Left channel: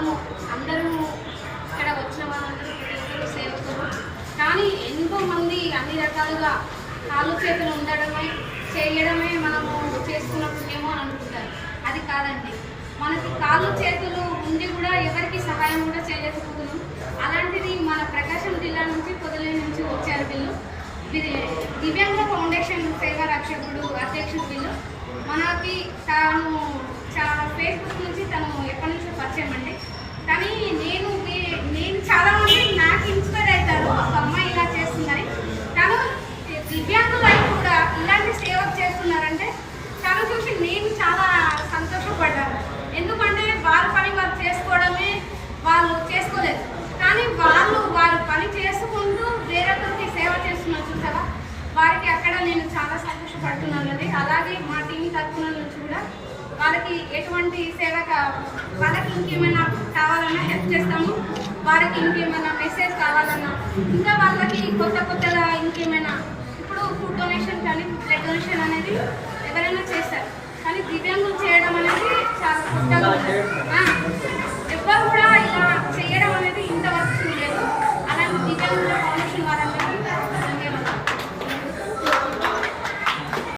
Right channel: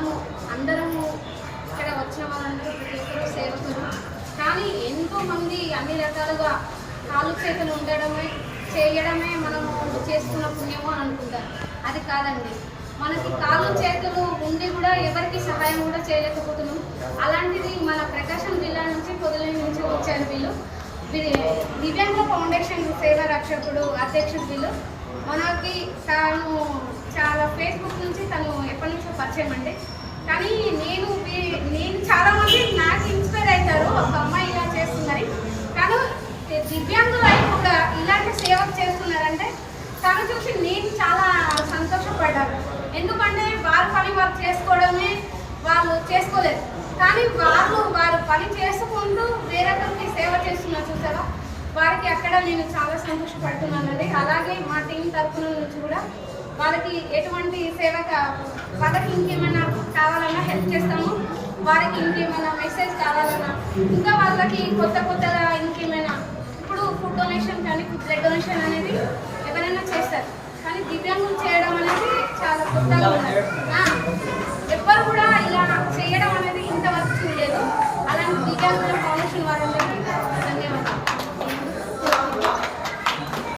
మనము అందరము ఇక్కడ వచ్చిన వాళ్ళందరూ ప్రతి ఒక్కరు సేవకులు. కానీ ఎంతోమంది అన్ని రకాలుగా కాలు చేతులు ఉండడమే చేయడమే మనము చేసుకున్న పుణ్యము అని అనుకుంటారు. అది కాదండి. మనకి కాళ్ళు చేతులు ఉండి కూడా ఎవరికి సహాయం కూడా చేయలేకపోతున్నాం అలాంటిది మన ప్రకాశం జిల్లా నుంచి పొదిలి నుంచి వచ్చారు వీళ్ళు. ఇది దివ్యాంగ ఫౌండేషన్ సేవా రక్షకుడు అధ్యక్షుడు వీళ్ళు. మనకి తాను చాలా ఫేస్బుక్ నుంచి తను విషయం అండి కానీ నేను నేను చాలా మంది నాకు ఇన్స్పైర్ అవుతారు. ఒక అమ్మాయి ఇలా చేస్తుందని. తను దివ్యాంగులై కూడా ఇలాంటి సేవ చేస్తున్నారంటే తను చూసి నేను చాలా సంతోషపడ్డాను. ఎందుకంటే వారి పని వారు చేసుకోవడమే వాళ్ళు చేసుకోలేదు. కానీ వాళ్ళు వారు పని చేసుకుంటూ వేరొకరికి సేవ చేస్తున్నారు చూసావా? వారికి అక్కడ నేను చాలా సంతోషపడుతున్నానండి. అలాగే మా టీం తరఫున నుంచి కూడా వాళ్ళకి ఎటువంటి సేవ కా- వాళ్ళకి ఇంకేమైనా కావాలన్నా హెల్ప్ చేస్తాము. వారికి ఇంకేమైనా మెసేజ్ కావాలన్నా. ఇంకా వాళ్ళకి కొత్త కొత్తగా ఇంకేమైనా ఇప్పుడు ఫుడ్ డొనేషన్ కానీ బ్లడ్ డొనేషన్ అనేది ఎవరైనా చేస్తారు. కానీ దివ్యాంగులు చేయడం అనేది చాలా కొత్తగా ఉంటుంది ఎవ్వరు కూడా ఇలా చేయడం అనేది ఇంతవరకు చూడలేదు. అలాంటి దివ్యాంగుల ఫౌండేషన్ వాళ్ళందరూ